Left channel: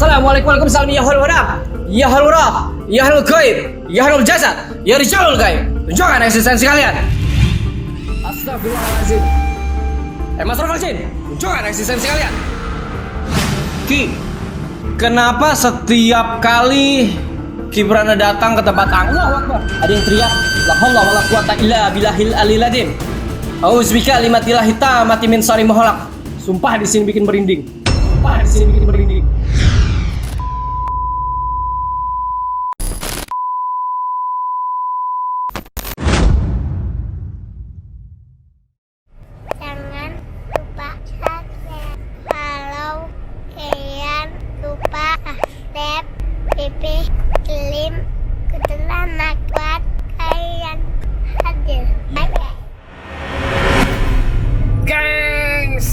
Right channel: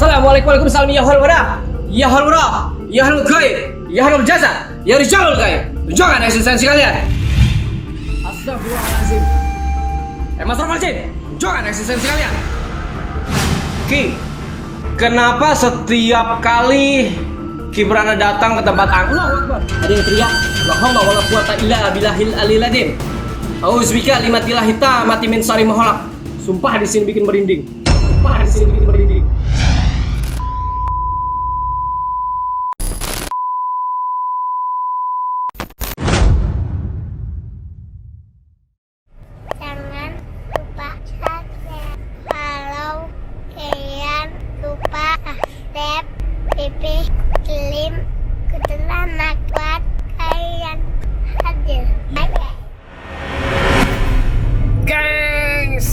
Assalamualaikum warahmatullahi wabarakatuh. Ya halura, ya halul khair, ya halul jasa, ya rijalul khair. Tunjukkan eksistensi kalian. Astagfirullahaladzim. Astagfirullahaladzim. Tunjukkan eksistensi kalian. King, kenapa setiap kali Kiprana datang ke tempat Allahu Akbar ada yang teriak la haula wala quwata illa billahil aliyil azim. Auzubillahi kalimatillahi tammati min syarri ma khalaq. Sumpah di sini bikin merinding. Sumpah di sini bikin merinding. Jangan lupa subscribe. Kalau kalian lupa subscribe, Pipi Slim ketelan buat kalian hadir. Bye. Gengs,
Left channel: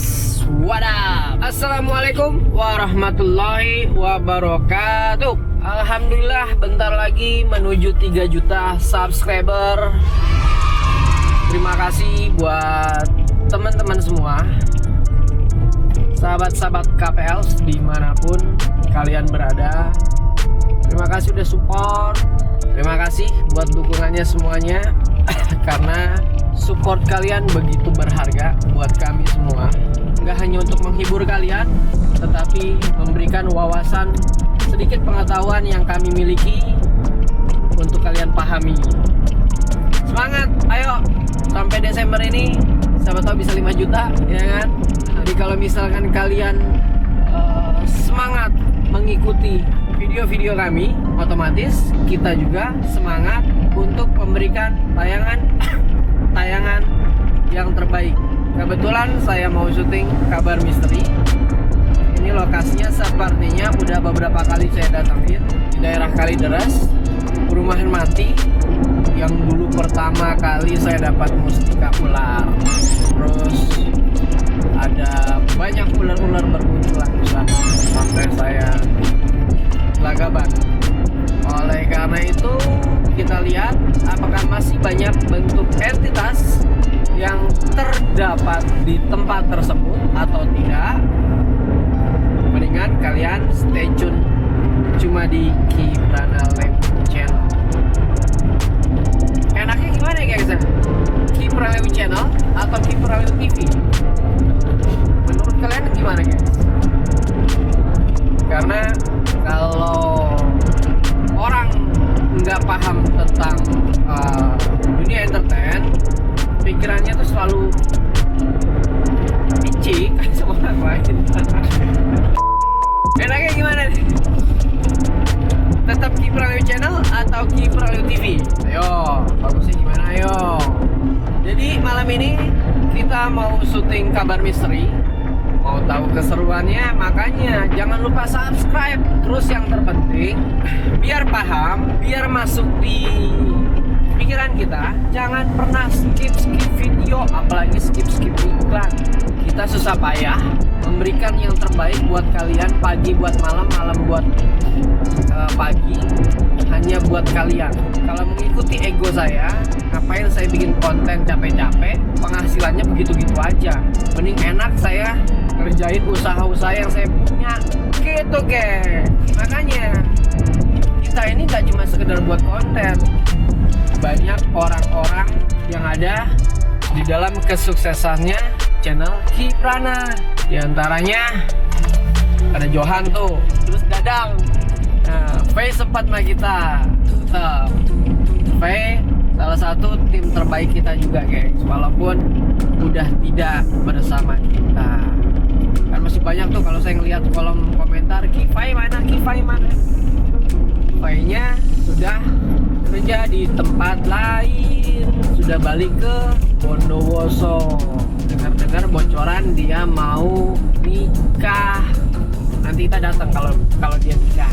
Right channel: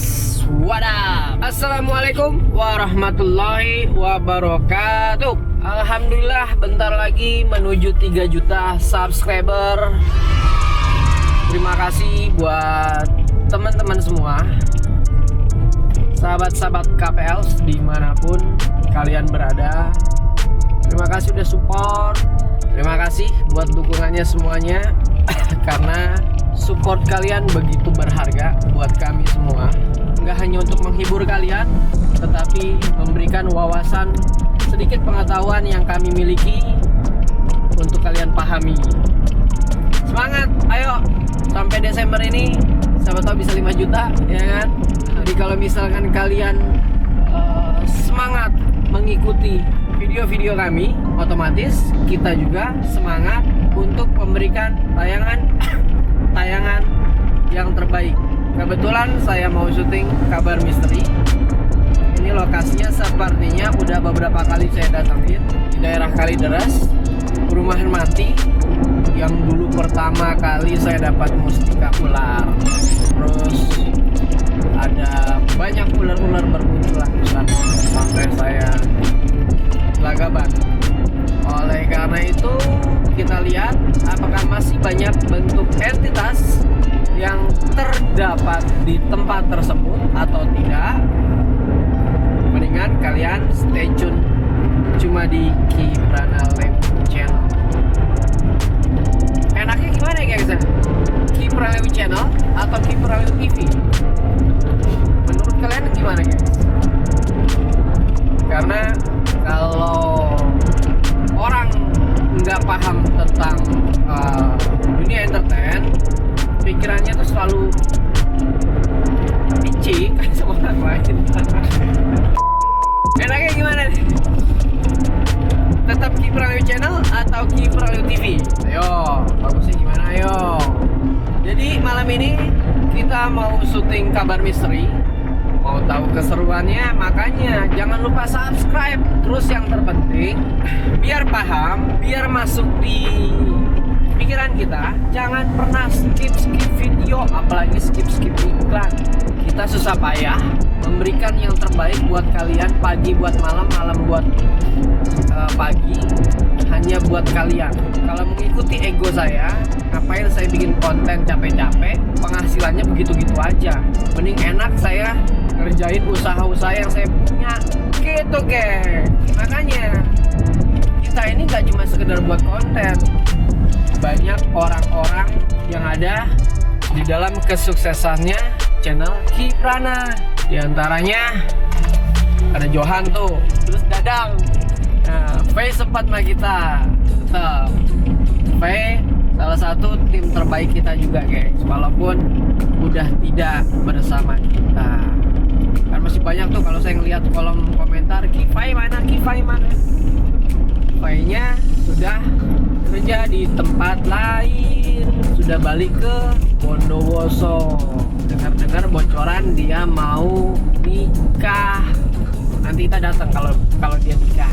what up? Assalamualaikum warahmatullahi wabarakatuh. Alhamdulillah bentar lagi menuju 3 juta subscriber. Terima kasih buat teman-teman semua, sahabat-sahabat KPL dimanapun kalian berada. Terima kasih udah support. Terima kasih buat dukungannya semuanya. Karena support kalian begitu berharga buat kami semua. Nggak hanya untuk menghibur kalian, tetapi memberikan wawasan, sedikit pengetahuan yang kami miliki untuk kalian pahami. Semangat, ayo sampai Desember ini siapa tahu bisa 5 juta, ya kan? Jadi kalau misalkan kalian semangat mengikuti video-video kami, otomatis kita juga semangat untuk memberikan tayangan yang terbaik. Kebetulan saya mau syuting kabar misteri. Ini lokasinya sepertinya udah beberapa kali saya datangin, di daerah Kalideres, perumahan mati yang dulu pertama kali saya dapat mustika ular. Terus ada banyak ular-ular bermunculan di sana sampai saya lagaban. Oleh karena itu kita lihat apakah masih banyak bentuk entitas yang terdapat di tempat tersebut atau tidak. Mendingan kalian stay tune cuma di Kiprana Live Channel. Enaknya gimana ya guys? Kiprana Live Channel atau Kiprana Live TV? Menurut kalian gimana guys? Karena kalau orang nggak paham tentang dunia entertain, pikirannya tuh selalu picik sama orang lain. Enaknya gimana nih? Tetap Kiprana Live Channel atau Kiprana Live TV? Ayo, bagusnya gimana ayo? Jadi malam ini kita mau syuting kabar misteri. Mau tahu keseruannya, makanya jangan lupa subscribe. Terus yang terpenting, biar paham, biar masuk di pikiran kita, jangan pernah skip video, apalagi skip iklan. Kita susah payah memberikan yang terbaik buat kalian, pagi buat malam, malam buat pagi, hanya buat kalian. Kalau mengikuti ego saya, ngapain saya bikin konten capek-capek, penghasilannya begitu-gitu aja. Mending enak saya ngerjain usaha-usaha yang saya punya, gitu guys. Makanya kita ini gak cuma sekedar buat konten. Banyak orang-orang yang ada di dalam kesuksesannya channel Kiprana. Di antaranya ada Johan tuh, terus Dadang. Nah, V sempat sama kita. Tetap V salah satu tim terbaik kita juga guys, walaupun udah tidak bersama kita. Kan masih banyak tuh kalau saya ngeliat kolom komentar, Kifai mana, Kifai mana. Kifainya sudah kerja di tempat lain, sudah balik ke Bondowoso. Dengar-dengar bocoran dia mau nikah. Nanti kita datang kalau dia nikah.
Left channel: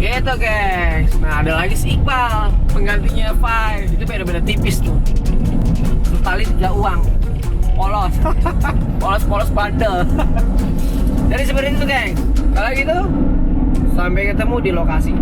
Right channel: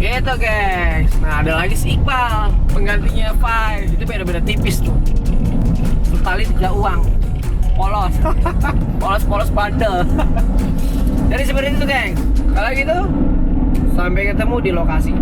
Gitu guys. Nah ada lagi si Iqbal, penggantinya Fai. Itu beda-beda tipis tuh. Sekali 3 uang. Polos. Polos bandel. Jadi seperti itu guys. Kalau gitu sampai ketemu di lokasi.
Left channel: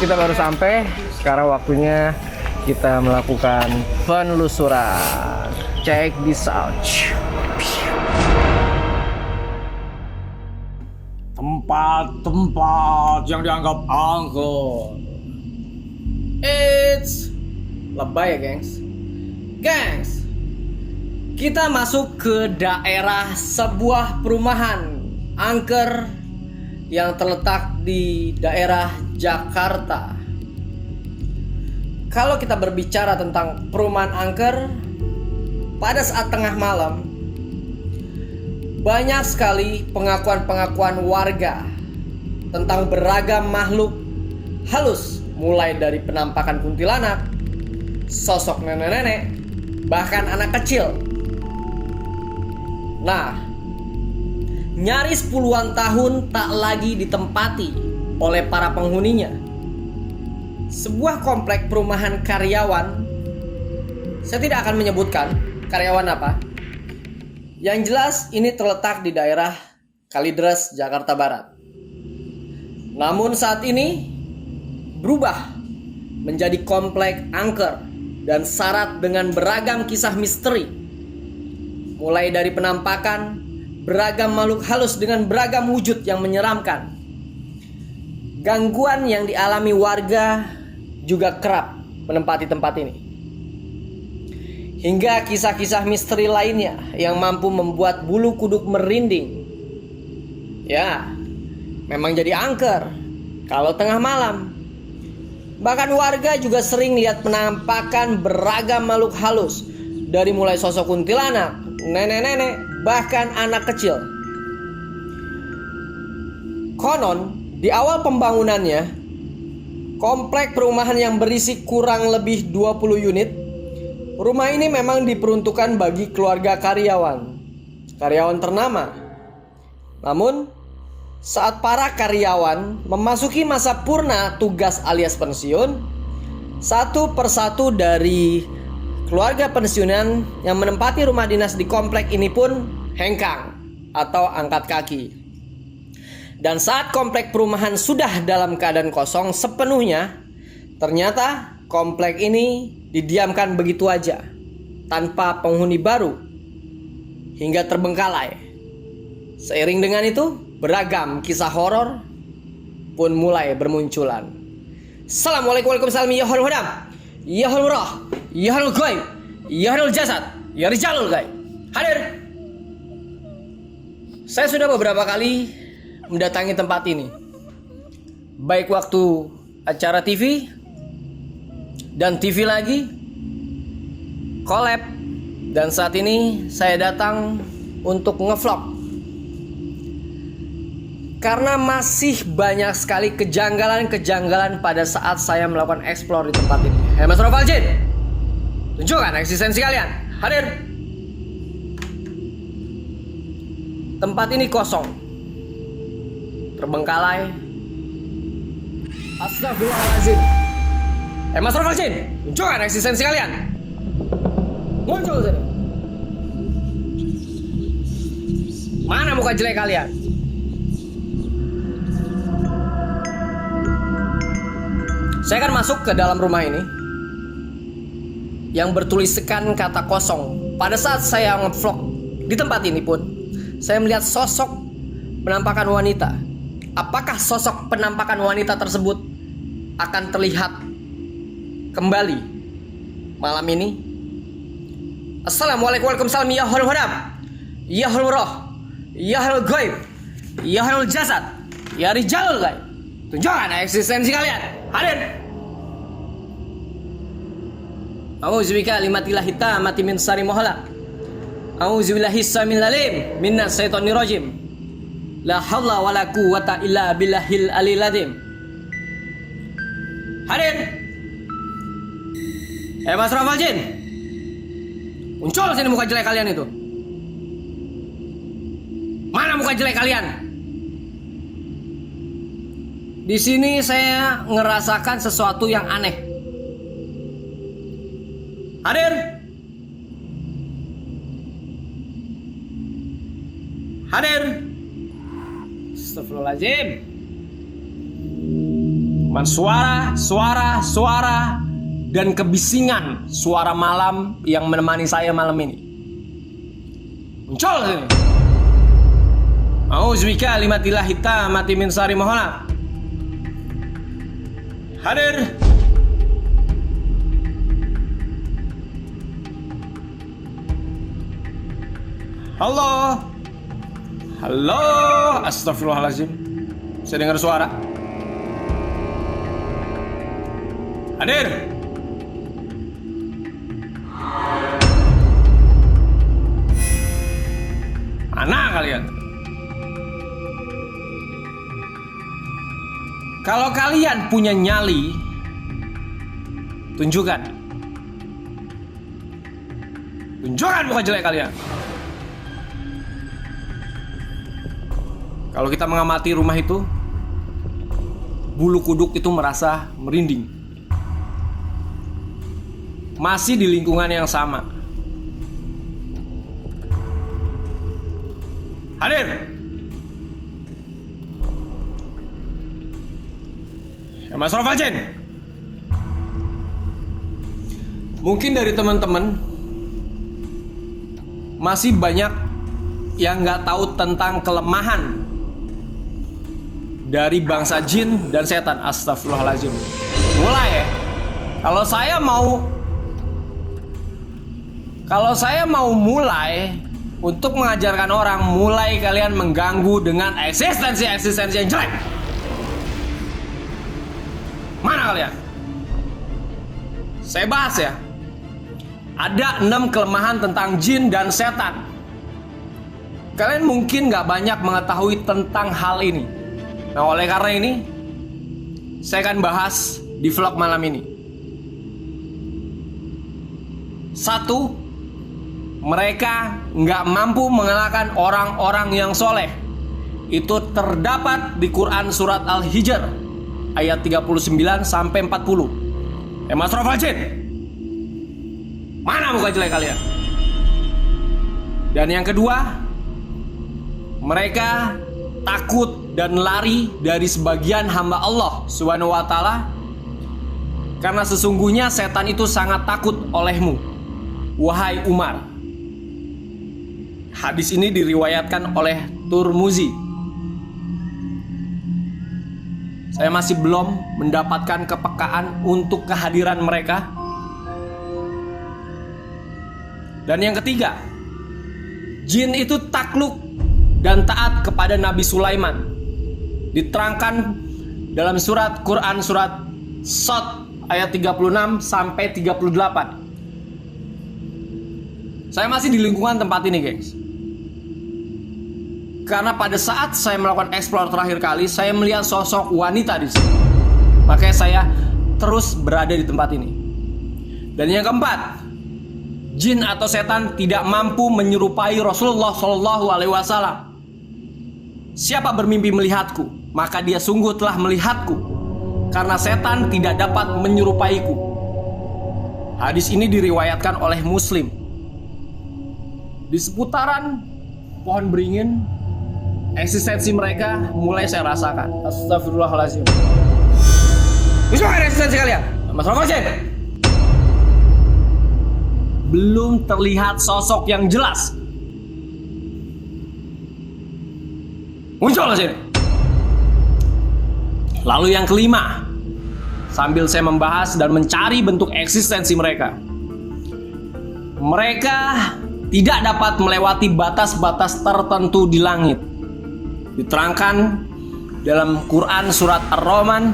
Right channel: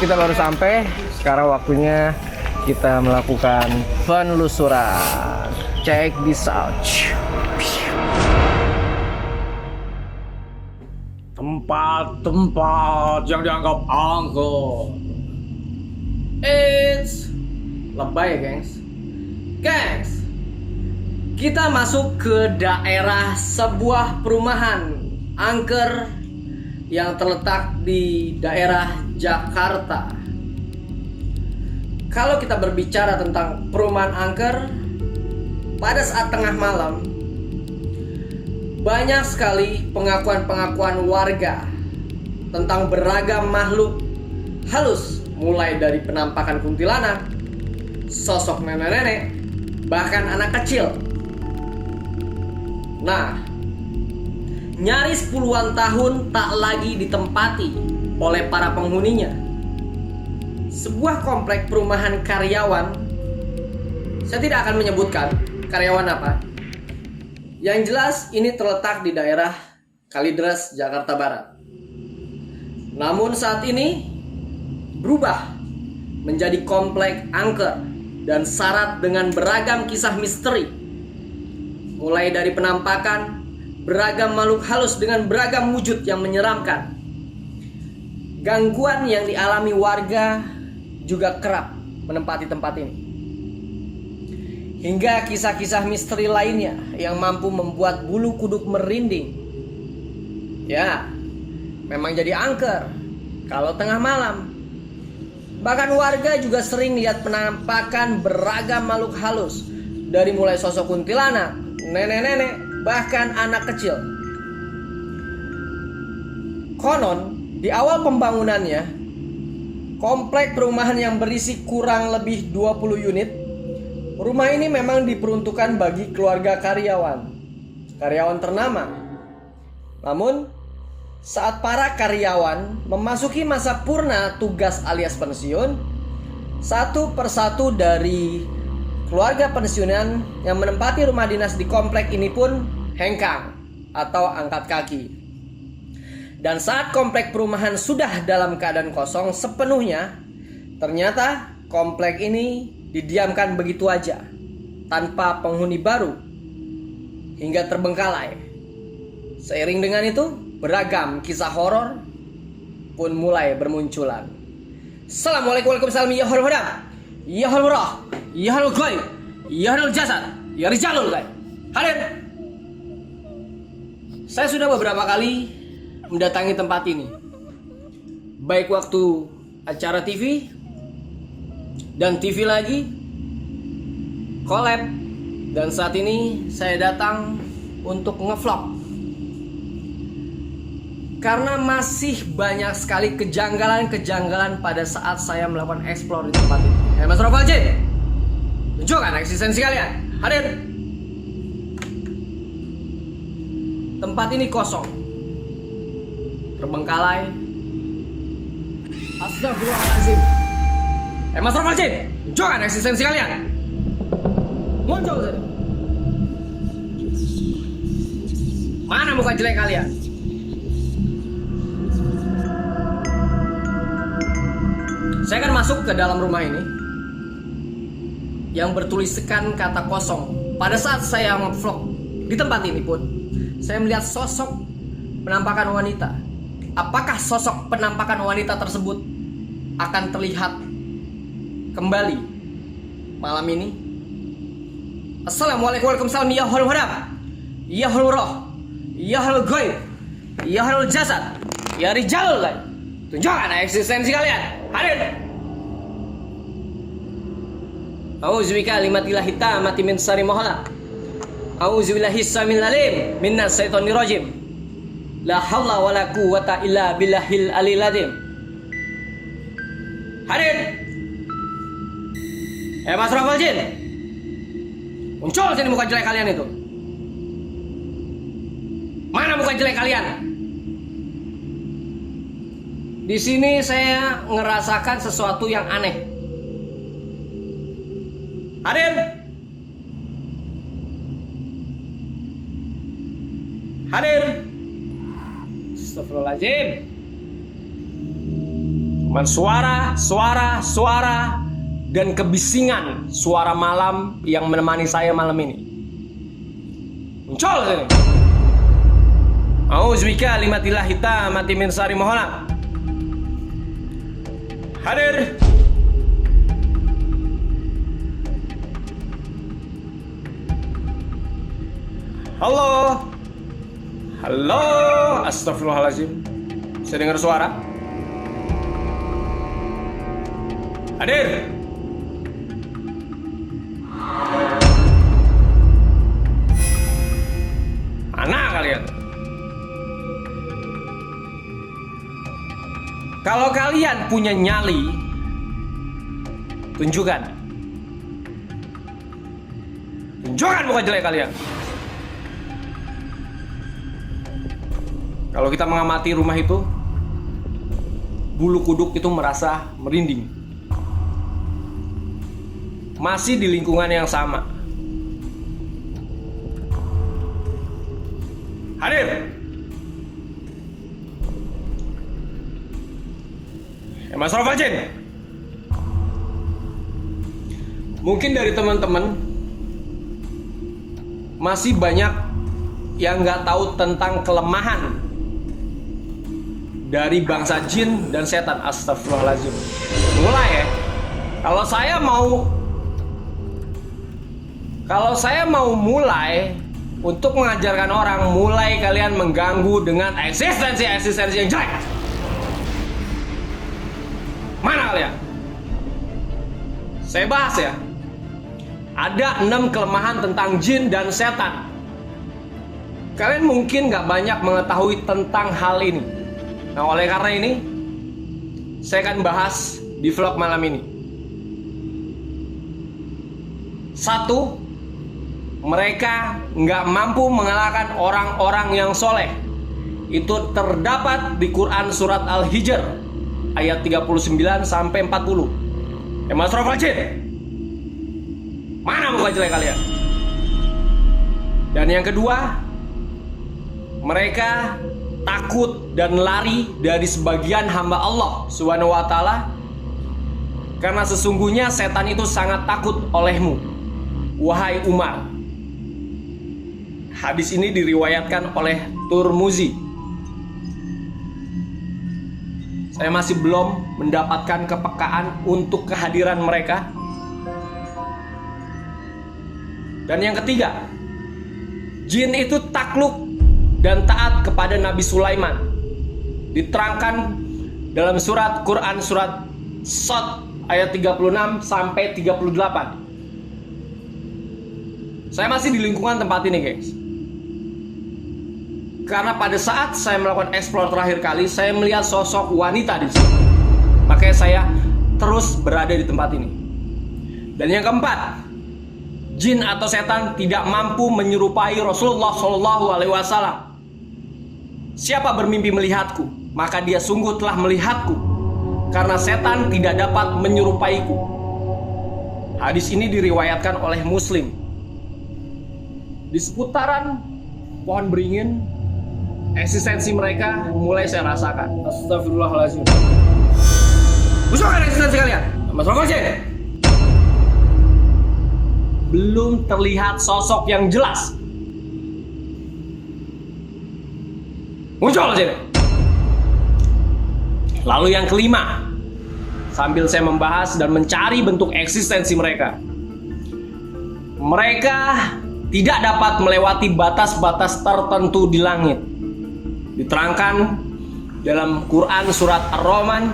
kita baru sampai. Sekarang waktunya kita melakukan penelusuran. Check this out. Tempat-tempat yang dianggap angker. It's lebay ya, gengs. Gengs, kita masuk ke daerah sebuah perumahan angker yang terletak di daerah Jakarta. Kalau kita berbicara tentang perumahan angker, pada saat tengah malam banyak sekali pengakuan-pengakuan warga tentang beragam makhluk halus, mulai dari penampakan kuntilanak, sosok nenek-nenek, bahkan anak kecil. Nah, nyaris puluhan tahun tak lagi ditempati oleh para penghuninya. Sebuah komplek perumahan karyawan, saya tidak akan menyebutkan karyawan apa. Yang jelas ini terletak di daerah Kalideres, Jakarta Barat. Namun saat ini berubah menjadi komplek angker dan syarat dengan beragam kisah misteri. Mulai dari penampakan beragam makhluk halus dengan beragam wujud yang menyeramkan. Gangguan yang dialami warga juga kerap menempati tempat ini. Hingga kisah-kisah misteri lainnya yang mampu membuat bulu kuduk merinding. Ya, memang jadi angker kalau tengah malam. Bahkan warga juga sering lihat penampakan beragam makhluk halus, dari mulai sosok kuntilanak, nenek-nenek, bahkan anak kecil. Konon, di awal pembangunannya, komplek perumahan yang berisi kurang lebih 20 unit, rumah ini memang diperuntukkan bagi keluarga karyawan ternama. Namun, saat para karyawan memasuki masa purna tugas alias pensiun, satu persatu dari keluarga pensiunan yang menempati rumah dinas di komplek ini pun hengkang atau angkat kaki. Dan saat komplek perumahan sudah dalam keadaan kosong sepenuhnya, ternyata komplek ini didiamkan begitu aja, tanpa penghuni baru, hingga terbengkalai. Seiring dengan itu, beragam kisah horor pun mulai bermunculan. Assalamualaikum warahmatullahi wabarakatuh. Ya hal roh, ya hal gaib, ya hal jasad, ya rijalul gaib. Hadir. Saya sudah beberapa kali mendatangi tempat ini, baik waktu acara TV dan TV lagi, collab, dan saat ini saya datang untuk ngevlog. Karena masih banyak sekali kejanggalan-kejanggalan pada saat saya melakukan explore di tempat ini. Hei Mas Rofal Jin, tunjukkan eksistensi kalian. Hadir. Tempat ini kosong, terbengkalai. Astagfirullahaladzim. Hei Mas Rofal Jin, tunjukkan eksistensi kalian. Muncul sini. Mana muka jelek kalian? Saya akan masuk ke dalam rumah ini yang bertuliskan kata kosong. Pada saat saya nge-vlog di tempat ini pun, saya melihat sosok penampakan wanita. Apakah sosok penampakan wanita tersebut akan terlihat kembali malam ini? Assalamualaikum warahmatullahi wabarakatuh. Ya hal roh, ya hal gaib, ya hal jasad, ya rijalul gaib. Tunjukkan eksistensi kalian. Hadir. A'udzubika kalimatillahi tammati min syarri ma khalaq. A'udzubillahi samil alim minas syaitonir rajim. La haula wala quwwata illa billahil aliyil azim. Hadir. Mas Rafal Jin, muncul sini muka jelek kalian itu. Mana muka jelek kalian? Di sini saya ngerasakan sesuatu yang aneh. Hadir. Hadir. Astagfirullahaladzim. Cuman suara dan kebisingan suara malam yang menemani saya malam ini. Muncul sini. A'udzubika kalimatillahi tammati min syarri ma khalaq. Hadir. Halo. Halo. Astagfirullahaladzim. Saya dengar suara. Hadir. Mana kalian? Kalau kalian punya nyali, tunjukkan. Tunjukkan muka jelek kalian. Kalau kita mengamati rumah itu, bulu kuduk itu merasa merinding. Masih di lingkungan yang sama. Hadir. Ya, Mas Rofalcin. Mungkin dari teman-teman masih banyak yang nggak tahu tentang kelemahan dari bangsa jin dan setan. Astagfirullahaladzim. Mulai ya. Kalau saya mau mulai untuk mengajarkan orang, mulai kalian mengganggu dengan eksistensi yang jelek. Mana kalian? Saya bahas ya. Ada 6 kelemahan tentang jin dan setan. Kalian mungkin nggak banyak mengetahui tentang hal ini. Nah, oleh karena ini, saya akan bahas di vlog malam ini. 1. Mereka nggak mampu mengalahkan orang-orang yang soleh. Itu terdapat di Quran surat Al-Hijr ayat 39 sampai 40. Mas Rofalcin, mana muka jelek kalian? Dan yang kedua, mereka takut dan lari dari sebagian hamba Allah Subhanahu wa Ta'ala, karena sesungguhnya setan itu sangat takut olehmu, wahai Umar. Hadis ini diriwayatkan oleh Turmuzi. Saya masih belum mendapatkan kepekaan untuk kehadiran mereka. Dan yang ketiga, jin itu takluk dan taat kepada Nabi Sulaiman. Diterangkan dalam surat Quran surat Shad ayat 36 sampai 38. Saya masih di lingkungan tempat ini, guys. Karena pada saat saya melakukan explore terakhir kali, saya melihat sosok wanita di sini. Makanya saya terus berada di tempat ini. Dan yang keempat, jin atau setan tidak mampu menyerupai Rasulullah SAW. Siapa bermimpi melihatku, maka dia sungguh telah melihatku, karena setan tidak dapat menyerupaiku. Hadis ini diriwayatkan oleh Muslim. Di seputaran pohon beringin, eksistensi mereka mulai saya rasakan. Astagfirullahaladzim. Musyawarah eksistensi kalian. Mas Rofalcin. Belum terlihat sosok yang jelas. Muncul sini. Lalu yang kelima, sambil saya membahas dan mencari bentuk eksistensi mereka, mereka tidak dapat melewati batas-batas tertentu di langit. Diterangkan dalam Quran surat Ar-Rahman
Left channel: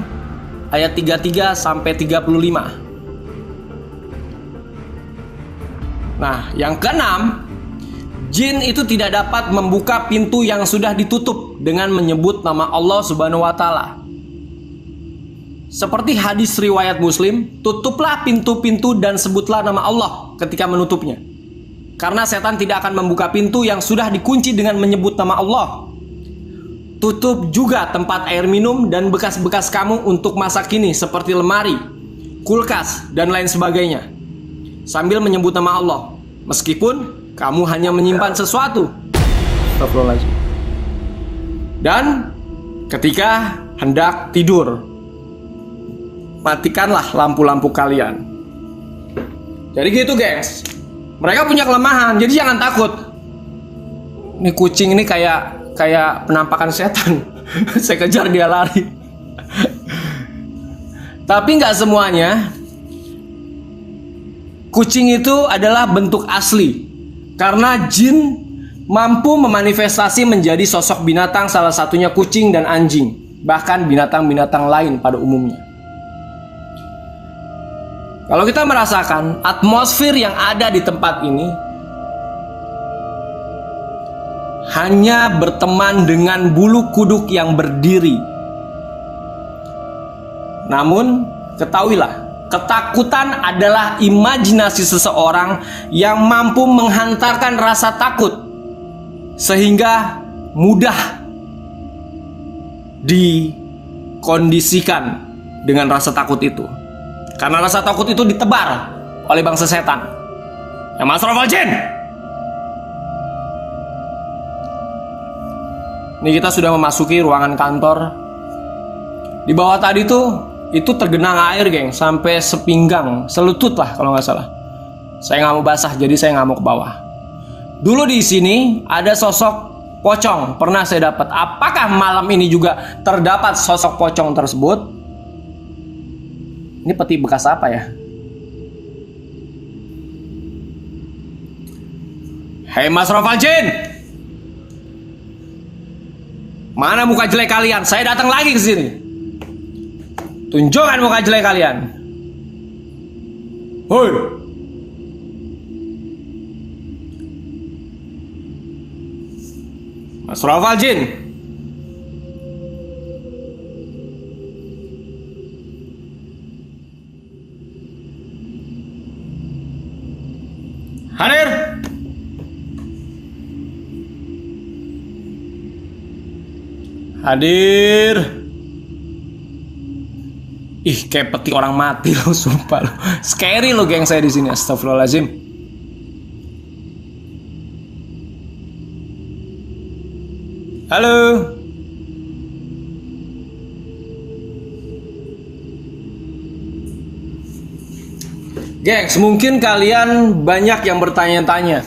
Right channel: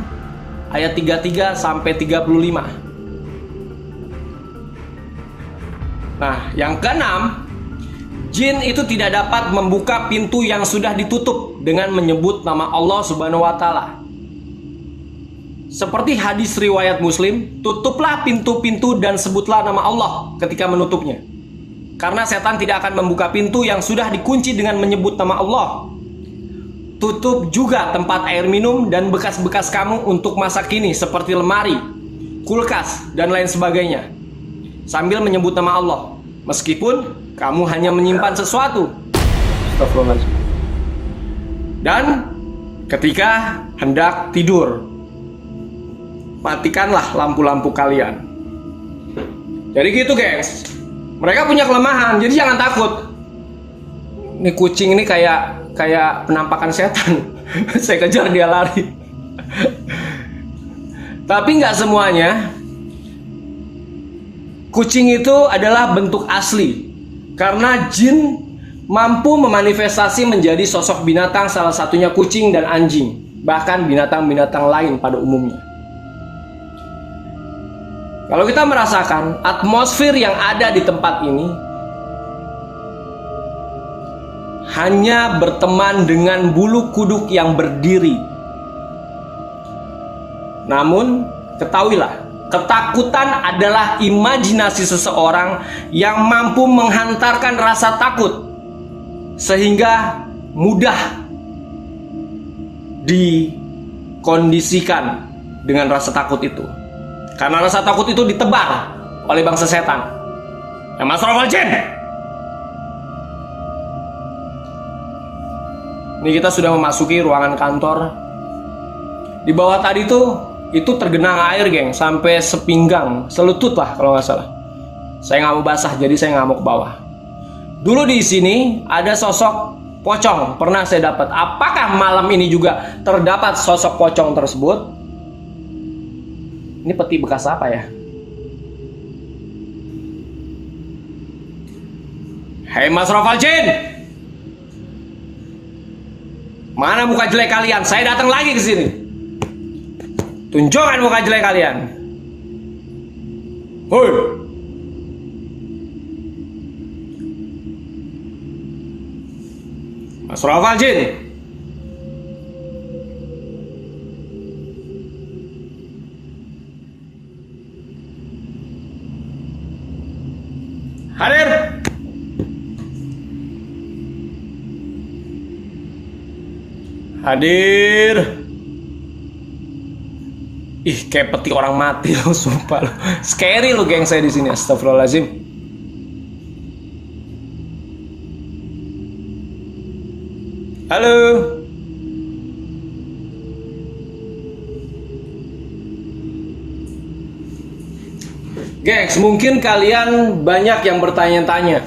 ayat 33 sampai 35. Nah, yang keenam, jin itu tidak dapat membuka pintu yang sudah ditutup dengan menyebut nama Allah Subhanahu wa Ta'ala. Seperti hadis riwayat Muslim, tutuplah pintu-pintu dan sebutlah nama Allah ketika menutupnya. Karena setan tidak akan membuka pintu yang sudah dikunci dengan menyebut nama Allah. Tutup juga tempat air minum dan bekas-bekas kamu untuk masa kini seperti lemari, kulkas, dan lain sebagainya, sambil menyebut nama Allah, meskipun kamu hanya menyimpan sesuatu. Dan ketika hendak tidur, matikanlah lampu-lampu kalian. Jadi gitu guys. Mereka punya kelemahan, jadi jangan takut. Ini kucing ini kayak penampakan setan. Saya kejar dia lari. Tapi nggak semuanya. Kucing itu adalah bentuk asli. Karena jin mampu memanifestasi menjadi sosok binatang, salah satunya kucing dan anjing. Bahkan binatang-binatang lain pada umumnya. Kalau kita merasakan atmosfer yang ada di tempat ini hanya berteman dengan bulu kuduk yang berdiri. Namun, ketahuilah, ketakutan adalah imajinasi seseorang yang mampu menghantarkan rasa takut sehingga mudah dikondisikan dengan rasa takut itu. Karena rasa takut itu ditebar oleh bangsa setan. Ya Mas Rafal Jin. Ini kita sudah memasuki ruangan kantor. Di bawah tadi itu tergenang air, geng, sampai sepinggang, selutut lah kalau nggak salah. Saya nggak mau basah, jadi saya nggak mau ke bawah. Dulu di sini ada sosok pocong, pernah saya dapat. Apakah malam ini juga terdapat sosok pocong tersebut? Ini peti bekas apa ya? Hei Mas Rafal Jin, mana muka jelek kalian? Saya datang lagi ke sini. Tunjukkan muka jelek kalian. Hoi. Mas Rafal Jin. Hadir. Hadir. Ih, kayak peti orang mati lo, sumpah lo. Scary lo geng saya di sini. Astagfirullahaladzim. Halo. Gengs, mungkin kalian banyak yang bertanya-tanya,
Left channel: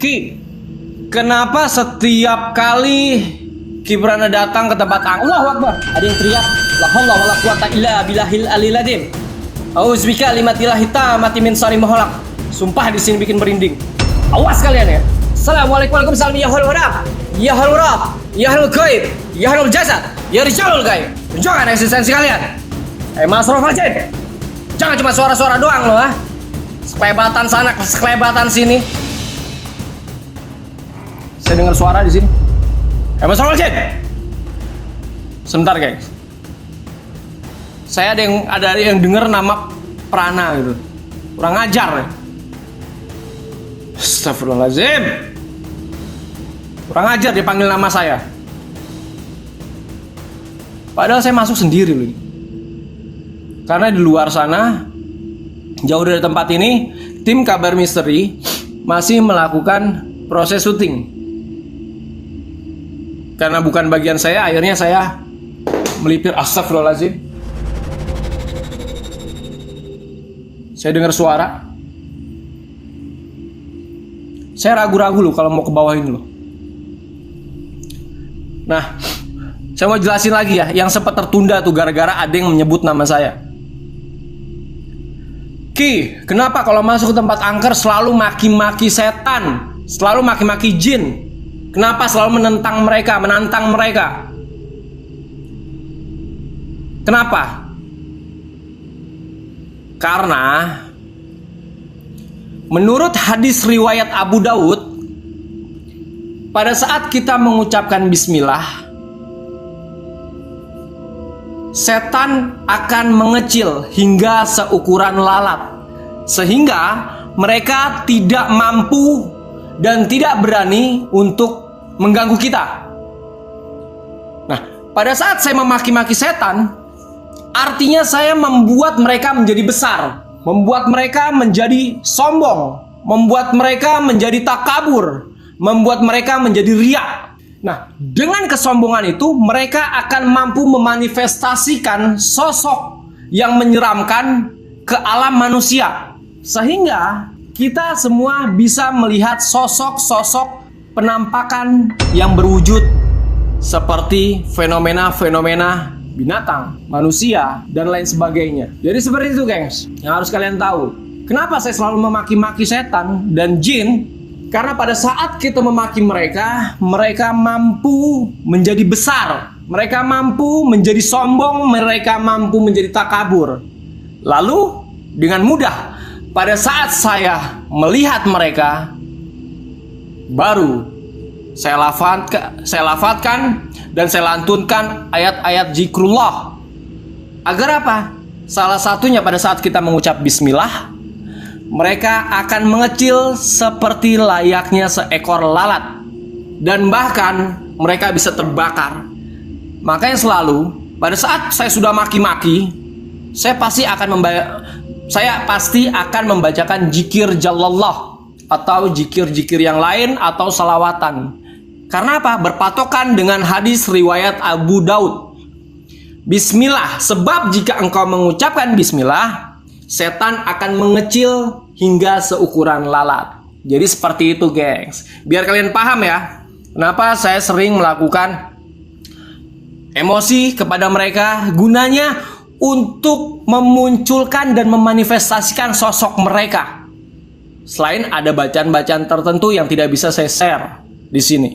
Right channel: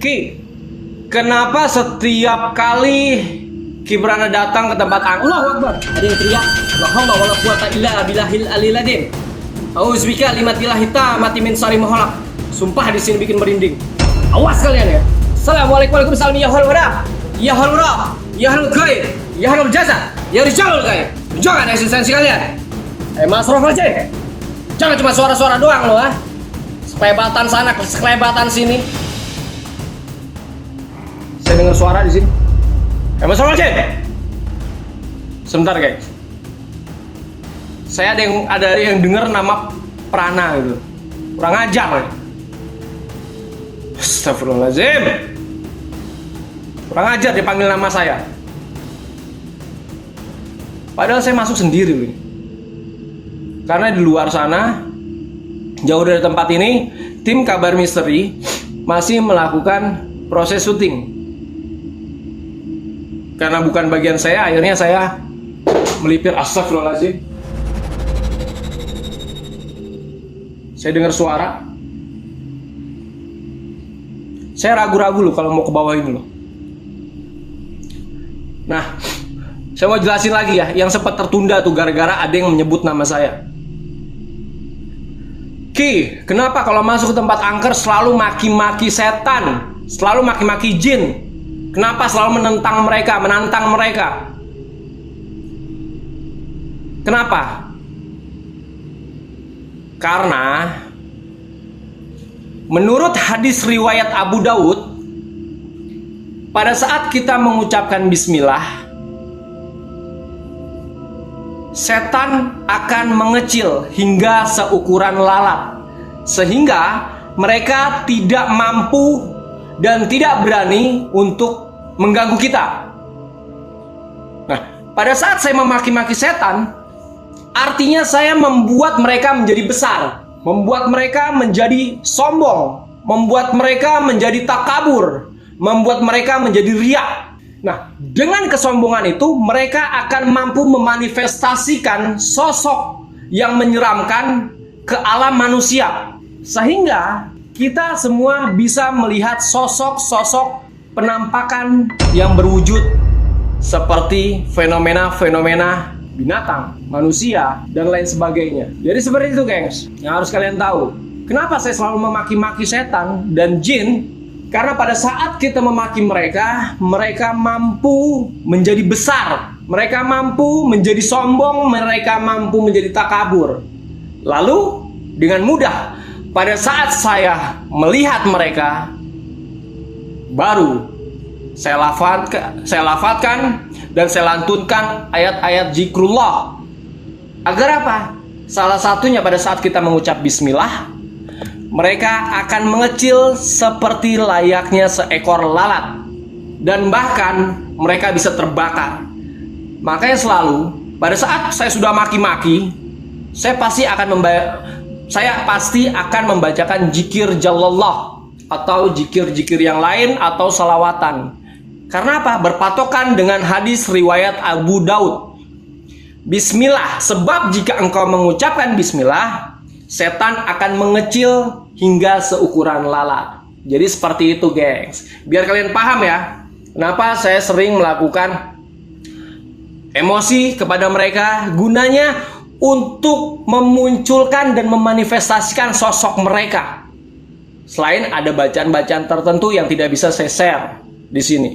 Ki, kenapa setiap kali Ki Brana datang ke tempat Allahu Akbar, ada yang teriak, la haula wala quwata illa billahil aliyil azim. Auzubillahi kalimatillahi tammati min syarri ma khalaq. Sumpah di sini bikin merinding. Awas kalian ya. Assalamualaikum warahmatullahi wabarakatuh. Ya halwara, ya halwara, ya halul gaib, ya halul jasad, ya rijalul gaib. Tunjukkan eksistensi kalian. Mas Rafal Jin, jangan cuma suara-suara doang lo, ha. Sekelebatan sana, sekelebatan sini. Saya dengar suara di sini. Mas Rafal Jin. Sebentar guys. Saya ada yang dengar nama Prana gitu. Kurang ajar. Astagfirullahaladzim. Kurang ajar dia panggil nama saya. Padahal saya masuk sendiri loh. Karena di luar sana, jauh dari tempat ini, tim Kabar Misteri masih melakukan proses syuting. Karena bukan bagian saya, akhirnya saya melipir. Astagfirullahaladzim. Saya dengar suara. Saya ragu-ragu loh kalau mau ke bawah ini loh. Nah, saya mau jelasin lagi ya, yang sempat tertunda tuh gara-gara ada yang menyebut nama saya. Ki, kenapa kalau masuk ke tempat angker selalu maki-maki setan, selalu maki-maki jin? Kenapa selalu menentang mereka? Kenapa? Karena menurut hadis riwayat Abu Dawud, pada saat kita mengucapkan bismillah, setan akan mengecil hingga seukuran lalat, sehingga mereka tidak mampu dan tidak berani untuk mengganggu kita. Nah, pada saat saya memaki-maki setan, artinya saya membuat mereka menjadi besar, membuat mereka menjadi sombong, membuat mereka menjadi takabur, membuat mereka menjadi riak. Nah, dengan kesombongan itu mereka akan mampu memanifestasikan sosok yang menyeramkan ke alam manusia, sehingga kita semua bisa melihat sosok-sosok penampakan yang berwujud seperti fenomena-fenomena binatang, manusia, dan lain sebagainya. Jadi seperti itu gengs, yang harus kalian tahu. Kenapa saya selalu memaki-maki setan dan jin? Karena pada saat kita memaki mereka, mereka mampu menjadi besar, mereka mampu menjadi sombong, mereka mampu menjadi takabur. Lalu dengan mudah pada saat saya melihat mereka, baru saya lafadzkan dan saya lantunkan ayat-ayat zikrullah. Agar apa? Salah satunya pada saat kita mengucap bismillah, mereka akan mengecil seperti layaknya seekor lalat, dan bahkan mereka bisa terbakar. Makanya selalu pada saat saya sudah maki-maki, saya pasti akan membacakan zikir jalallah atau zikir-zikir yang lain atau salawatan. Karena apa? Berpatokan dengan hadis riwayat Abu Daud. Bismillah, sebab jika engkau mengucapkan bismillah, setan akan mengecil hingga seukuran lalat. Jadi seperti itu gengs. Biar kalian paham ya, kenapa saya sering melakukan emosi kepada mereka, gunanya untuk memunculkan dan memanifestasikan sosok mereka. Selain ada bacaan-bacaan tertentu yang tidak bisa saya share di sini.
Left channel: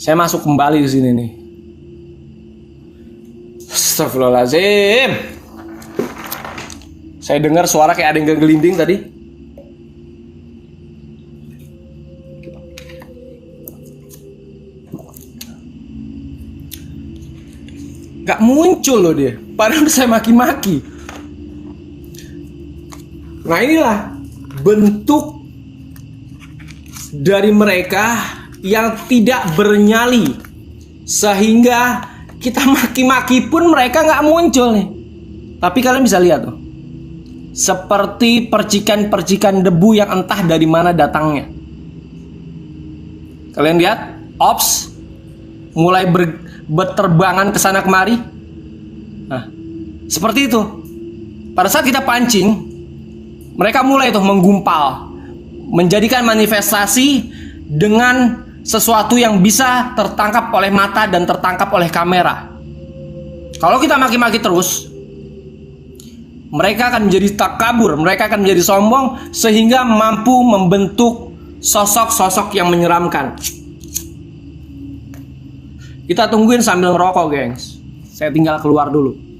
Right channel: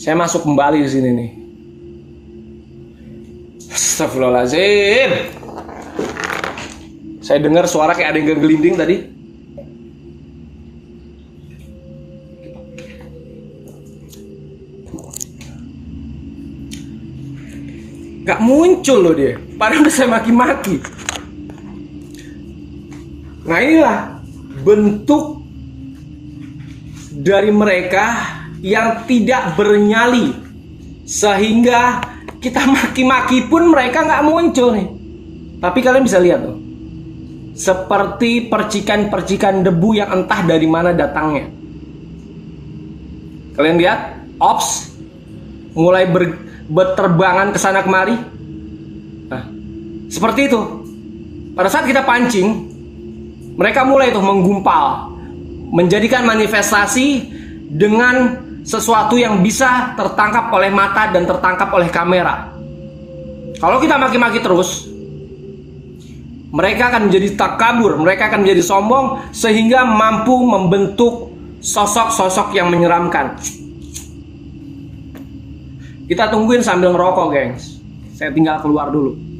Saya masuk kembali di sini nih. Astagfirullahaladzim. Saya dengar suara kayak ada yang gelinding tadi. Gak muncul loh dia. Padahal saya maki-maki. Nah inilah bentuk dari mereka yang tidak bernyali, sehingga kita maki-maki pun mereka nggak muncul nih. Tapi kalian bisa lihat tuh, seperti percikan-percikan debu yang entah dari mana datangnya. Kalian lihat, ops, mulai berterbangan ke sana kemari. Nah, seperti itu. Pada saat kita pancing, mereka mulai tuh menggumpal, menjadikan manifestasi dengan sesuatu yang bisa tertangkap oleh mata dan tertangkap oleh kamera. Kalau kita maki-maki terus, mereka akan menjadi takabur, mereka akan menjadi sombong, sehingga mampu membentuk sosok-sosok yang menyeramkan. Kita tungguin sambil ngerokok gengs. Saya tinggal keluar dulu.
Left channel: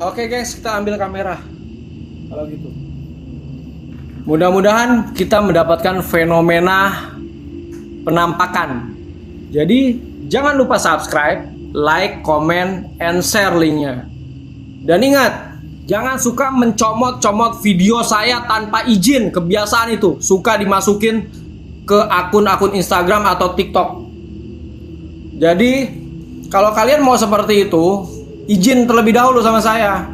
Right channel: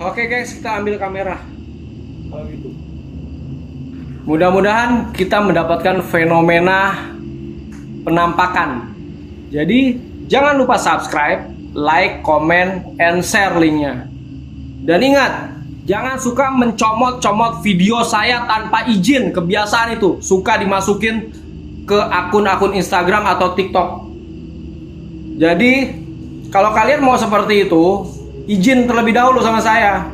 Oke guys, kita ambil kamera. Kalau gitu. Mudah-mudahan kita mendapatkan fenomena penampakan. Jadi jangan lupa subscribe, like, comment, and share linknya. Dan ingat, jangan suka mencomot-comot video saya tanpa izin. Kebiasaan itu suka dimasukin ke akun-akun Instagram atau TikTok. Jadi kalau kalian mau seperti itu, izin terlebih dahulu sama saya.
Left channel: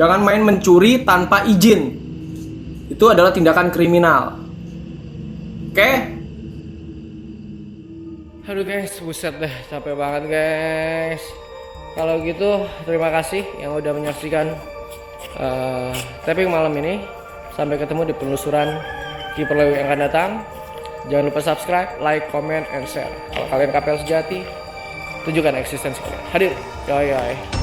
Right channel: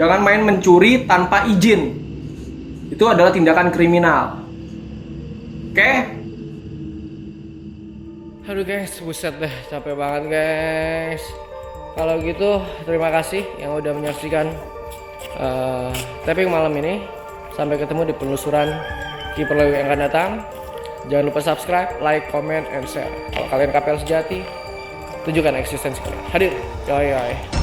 Jangan main mencuri tanpa izin. Itu adalah tindakan kriminal. Oke? Aduh guys, buset deh, capek banget guys. Kalau gitu, terima kasih yang udah menyaksikan tapping malam ini. Sampai ketemu di penelusuran Kiper Leo yang akan datang. Jangan lupa subscribe, like, comment, and share. Kalau kalian KPL sejati, tunjukkan eksistensi kalian. Hadir, yoi.